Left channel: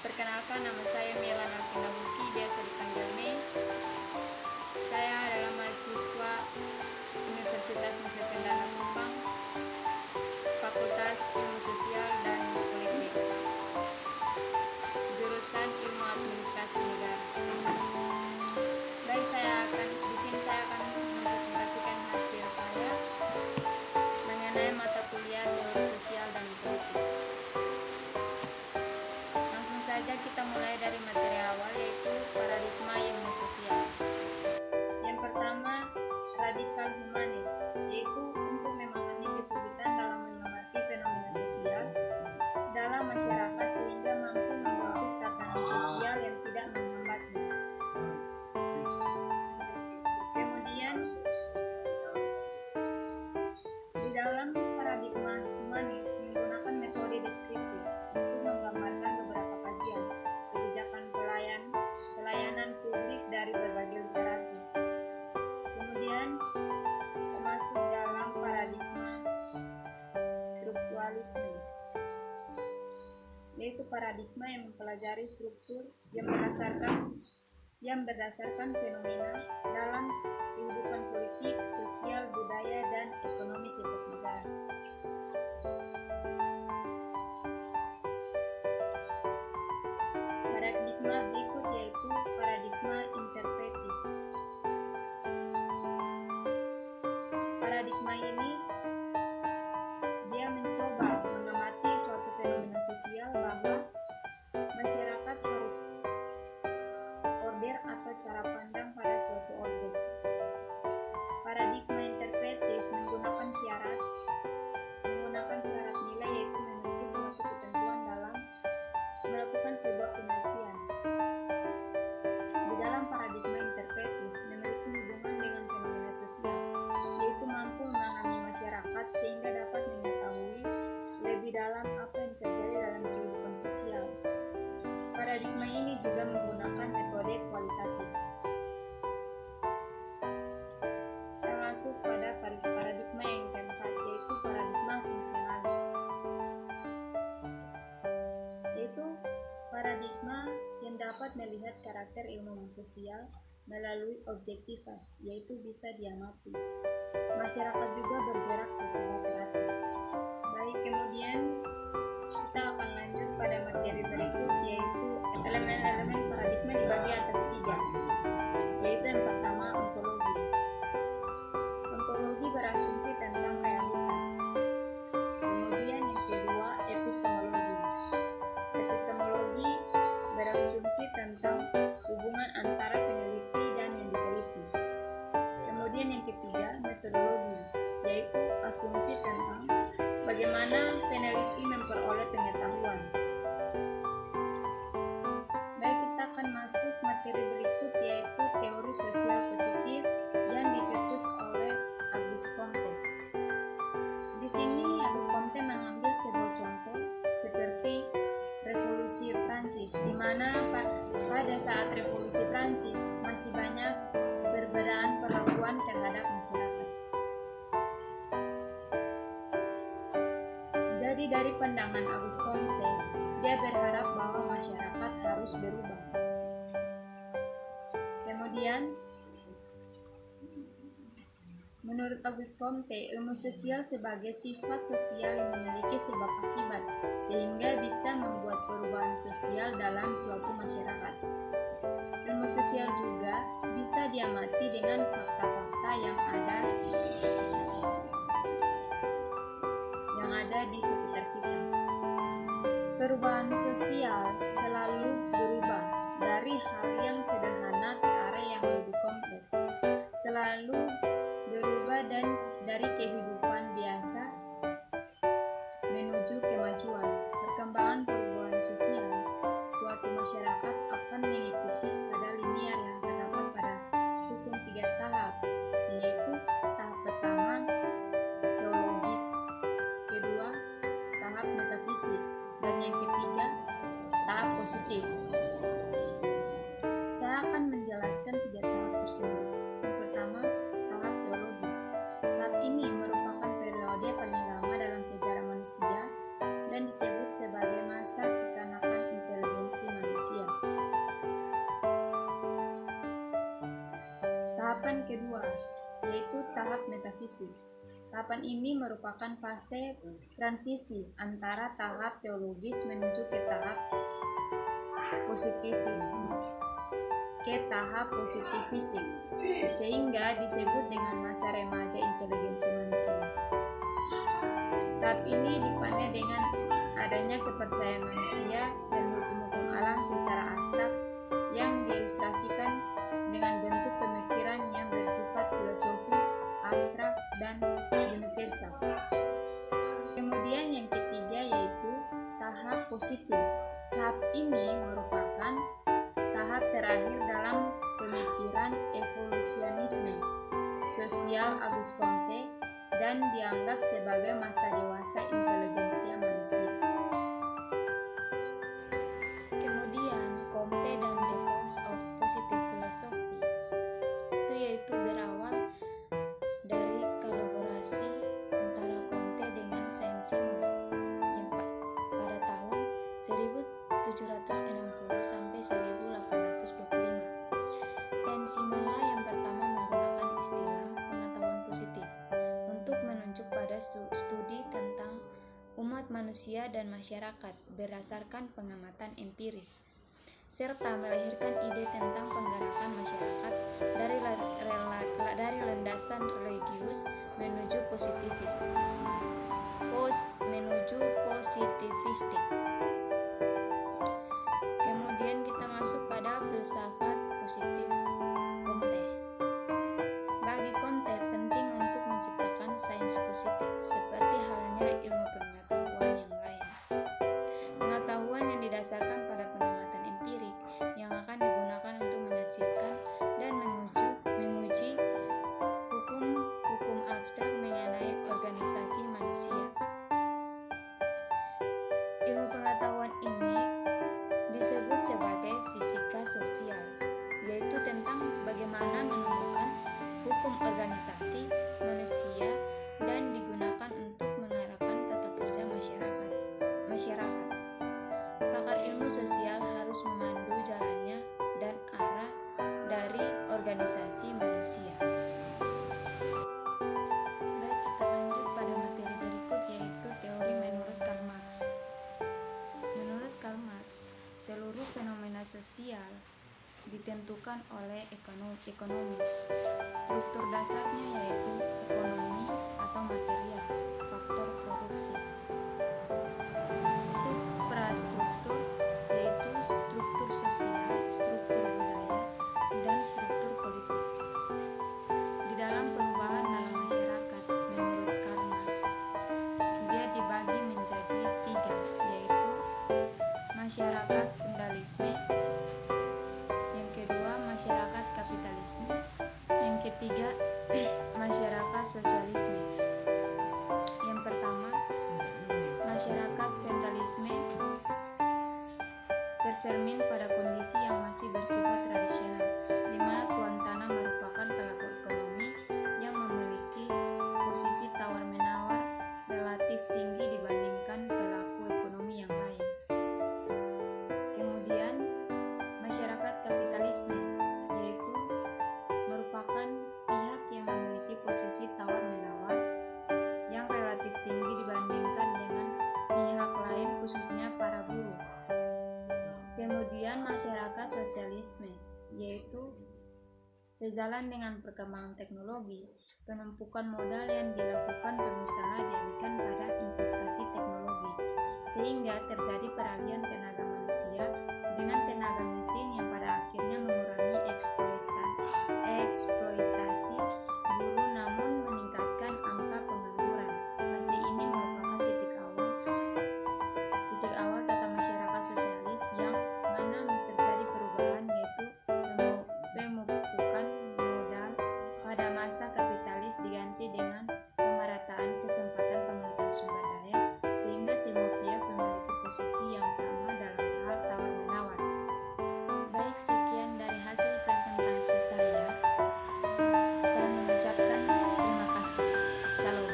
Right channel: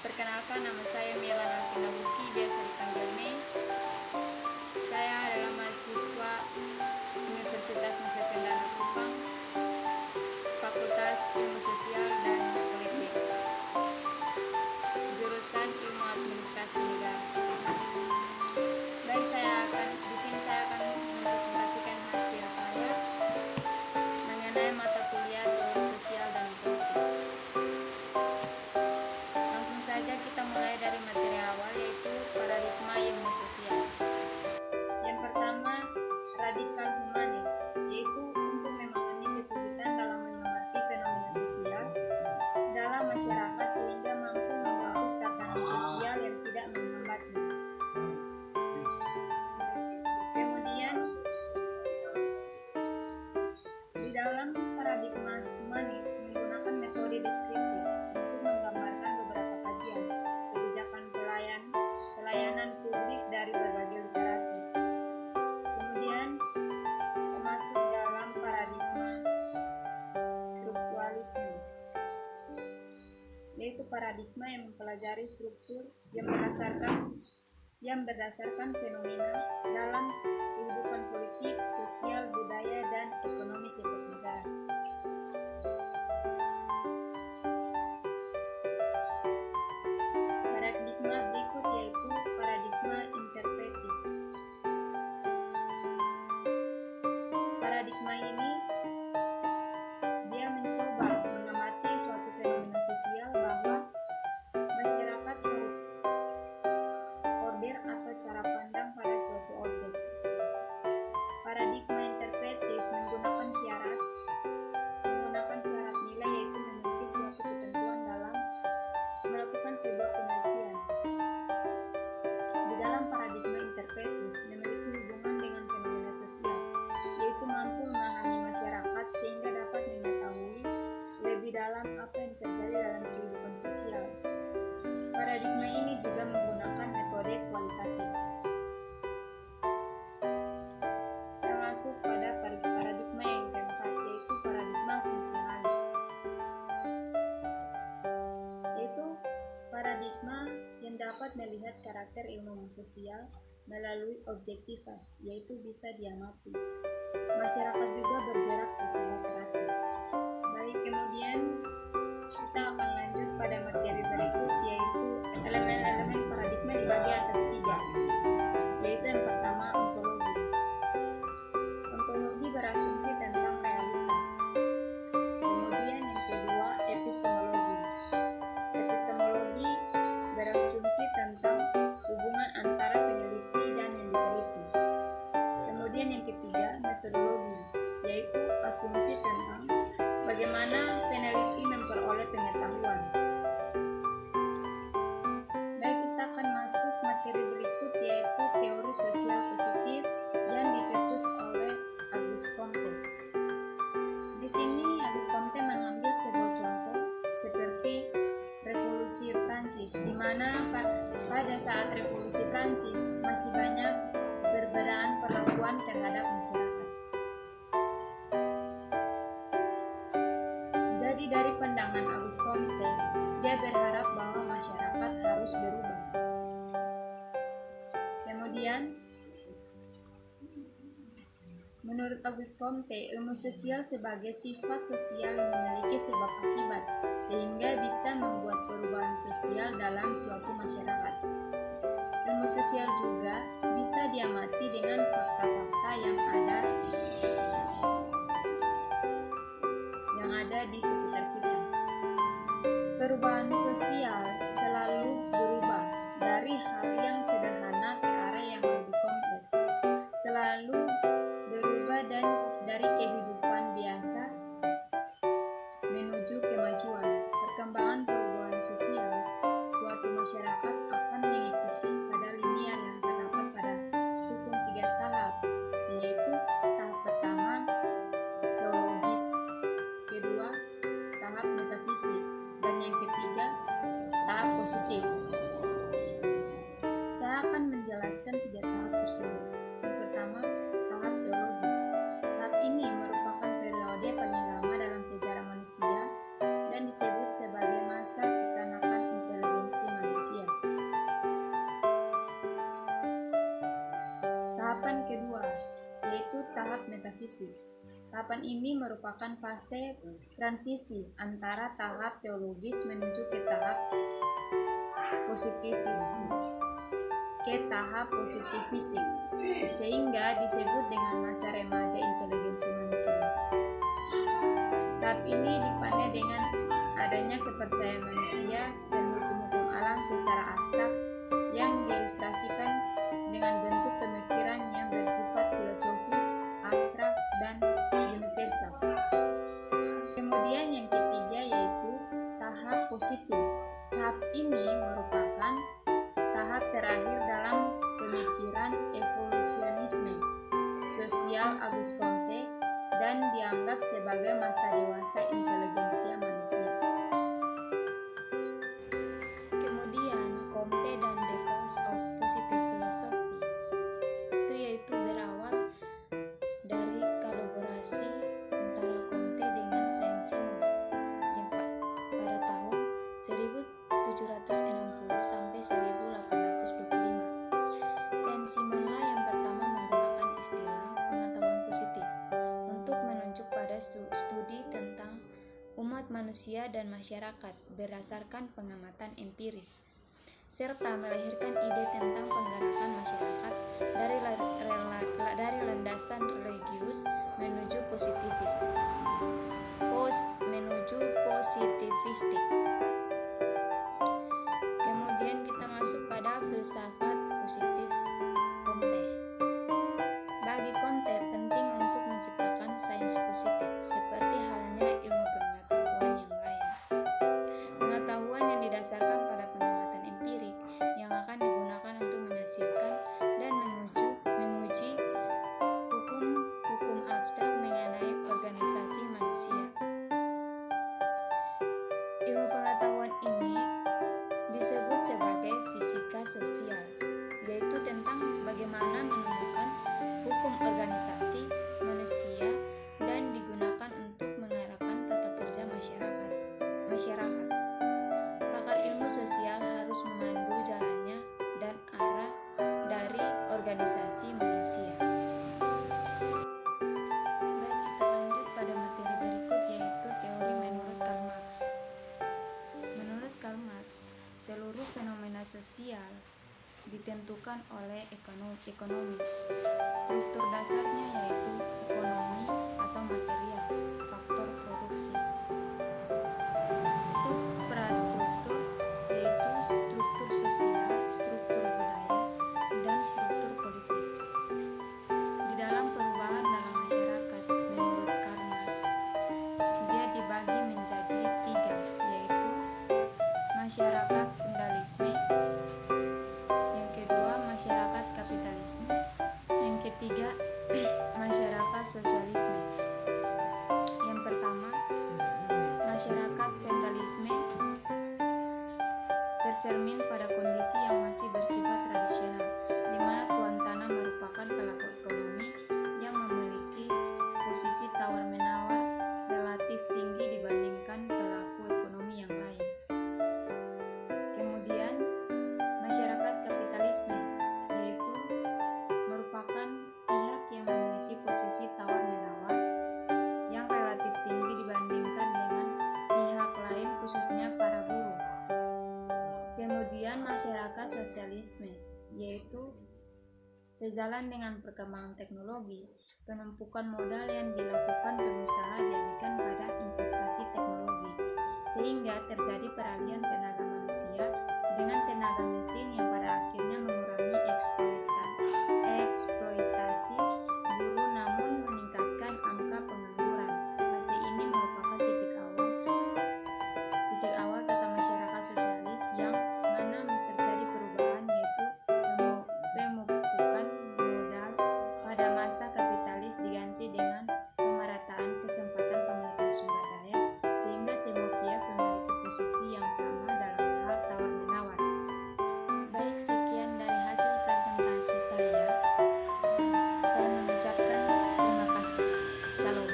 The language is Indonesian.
Perkenalkan, nama saya Mela Alvina Buki, biasa dipanggil Mei. Saya adalah mahasiswa Universitas Nusa Cendana Kupang, Fakultas Ilmu Sosial dan Politik, jurusan Ilmu Administrasi Negara. Baik, di sini saya akan mempresentasikan hasil saya mengenai mata kuliah Teori Sosial dan Politik. Langsung saja kita mulai dari materi awal, yaitu paradigma ilmu sosial. Yang pertama, radikal humanis, yaitu untuk memahami kesulitan dalam mengerti fenomena sosial dalam masyarakat sehingga mampu membentuk tatanan sosial yang tidak menghambatnya. Kemudian, di dalam paradigma humanis menggunakan metode deskriptif untuk menggambarkan beberapa kajian kebijakan pelayanan publik dari berbagai literatur. Kemudian termasuk dalam paradigma strukturalisme, yaitu paradigma yang mempelajari struktur yang berdasarkan fenomena dalam kehidupan politik, sosial, budaya, dan ekonomi setiap negara. Paradigma berikut yaitu paradigma interpretif. Paradigma ini dia mencoba mengamati suatu fenomena sosial bahwa masyarakat harus order atau cara pandang pada suatu objek. Paradigma interpretif menggunakan syarat nilai, yaitu memiliki suatu ketentuan dalam melakukan sebuah penelitian. Di dalam paradigma interpretif memiliki hubungan dengan fenomena sosial, yaitu mampu memahami masyarakat sehingga dapat mengetahui lebih dalam apa yang terjadi dalam kehidupan sosial. Paradigma ini juga menggunakan metode kualitatif. Termasuk pada paradigma yang keempat, yaitu paradigma fungsionalis, yaitu paradigma yang dapat melihat karakter ilmu sosial melalui objektivitas, yaitu bisa diamati. Masyarakat juga bergerak secara teratur. Baik, kemudian kita akan lanjut pada materi berikut, yaitu elemen-elemen paradigma dibagi atas 3, yaitu yang pertama ontologi. Ontologi berasumsi tentang realitas. Kemudian yang kedua epistemologi. Epistemologi berasumsi tentang hubungan antara peneliti dan yang diteliti. Kemudian yang ketiga metodologi, yaitu asumsi tentang bagaimana peneliti memperoleh pengetahuan. Baik, kita akan masuk materi berikut, yaitu teori sosial positif yang dicetus oleh Auguste Comte. Di sini Auguste Comte mengambil sebuah contoh seperti Revolusi Prancis, di mana pada saat Revolusi Prancis masih banyak perbedaan perlakuan terhadap masyarakat. Jadi dari pandangan Auguste Comte, dia berharap bahwa masyarakat harus berubah. Kemudian, menurut Auguste Comte, ilmu sosial sebagai sifat sosial yang memiliki sebab akibat, sehingga bisa membuat perubahan sosial dalam suatu masyarakat. Ilmu sosial juga bisa diamati dengan fakta-fakta yang ada di sekitar kita. Perubahan sosial selalu berubah dari hal yang sederhana ke arah yang lebih kompleks, selalu berubah dan dari kehidupan biasa menuju kemajuan. Perkembangan perubahan sosial suatu masyarakat akan mengikuti pada linear yang terdapat pada hukum 3 tahap, yaitu tahap pertama teologis, kedua tahap metafisik, dan yang ketiga tahap positif. Saya akan menjelaskan 3 tahap tersebut. Yang pertama, tahap teologis. Tahap ini merupakan periode paling lama dalam sejarah manusia dan disebut sebagai masa kekanakan inteligensi Tahapan kedua, yaitu tahap metafisik. Tahapan ini merupakan fase transisi antara tahap teologis menuju ke tahap positifisik, sehingga disebut dengan masa remaja inteligensi manusia. Tahap ini dipandai dengan adanya kepercayaan manusia dan hukum-hukum alam secara abstrak yang diilustrasikan dengan bentuk pemikiran yang bersifat filosofis, abstrak, dan universal. Kemudian yang ketiga yaitu tahap positif. Tahap ini merupakan tahap terakhir dalam pemikiran evolusionisme sosial Auguste Comte dan dianggap sebagai masa dewasa inteligensia manusia. Kemudian Comte dan The Course of Positive Philosophy itu yaitu berawal dari kolaborasi antara Comte dengan Saint-Simon yang pada tahun 1760 sampai 1825. Saint-Simon lah yang pertama menggunakan istilah pengetahuan positif untuk menunjuk pada studi tentang umat manusia dan masyarakat berdasarkan pengamatan empiris, serta melahirkan ide tentang penggerakan masyarakat dari landasan religius menuju positivistik. Kemudian kita masuk pada filsafat positif Comte. Bagi Comte penting untuk menciptakan sains positif, seperti halnya ilmu pengetahuan yang lain. Pengetahuan yang didasarkan pada pengamatan empirik yang akan digunakan untuk menghasilkan dan menguji hukum abstrak mengenai organisasi manusia. Ilmu pengetahuan ini disebut sebagai fisika sosial, yaitu tentang bagaimana menemukan hukum organisasi manusia dan digunakan untuk mengarahkan tata kerja masyarakat. Pakar ilmu sosial harus memandu jalannya dan arah dari organisasi manusia. Baik, kita lanjut pada materi berikut, yaitu teori menurut Karl Marx. Menurut Karl Marx, seluruh fenomena sosial ditentukan oleh ekonomi. Struktur dasarnya yaitu ekonomi atau material, faktor produksi. Suprastruktur yaitu struktur sosial, struktur budaya, dan struktur politik. Di dalam perubahan dalam masyarakat, menurut Karl Marx, dia dibagi menjadi 3, yaitu masyarakat feudalisme, yang kedua masyarakat kapitalisme, yang ketiga masyarakat sosialisme. Yang pertama, masyarakat feudalisme tercermin pada kondisi yang masih bersifat tradisional, di mana tuan tanah merupakan pelaku ekonomi yang memiliki posisi tawar-menawar relatif tinggi dibandingkan pelaku ekonomi yang lain. Kemudian, masyarakat kapitalisme, yaitu merupakan pihak yang memiliki posisi tawar-menawar yang relatif tinggi dibandingkan dengan pihak lain, khususnya para buruh. Kemudian masyarakat sosialisme, yaitu sejalan dengan perkembangan teknologi, penumpukan modal yang dilakukan pengusaha dialihkan pada investasi teknologi, sehingga terjadi peralihan tenaga manusia dengan tenaga mesin yang pada akhirnya mengurangi eksploitasi buruh namun meningkatkan angka pengangguran. Fase ini merupakan titik awal tata masyarakat sosialis yang mana terjadi perubahan, yaitu pemupukan modal pada masa kapitalis diganti dengan pemerataan kesempatan pemilikan sumber daya, sehingga semua pihak memiliki posisi yang sama dalam hal tawar-menawar. Baik, sekian dari hasil presentasi saya. Saya mengucapkan terima kasih. Shalom.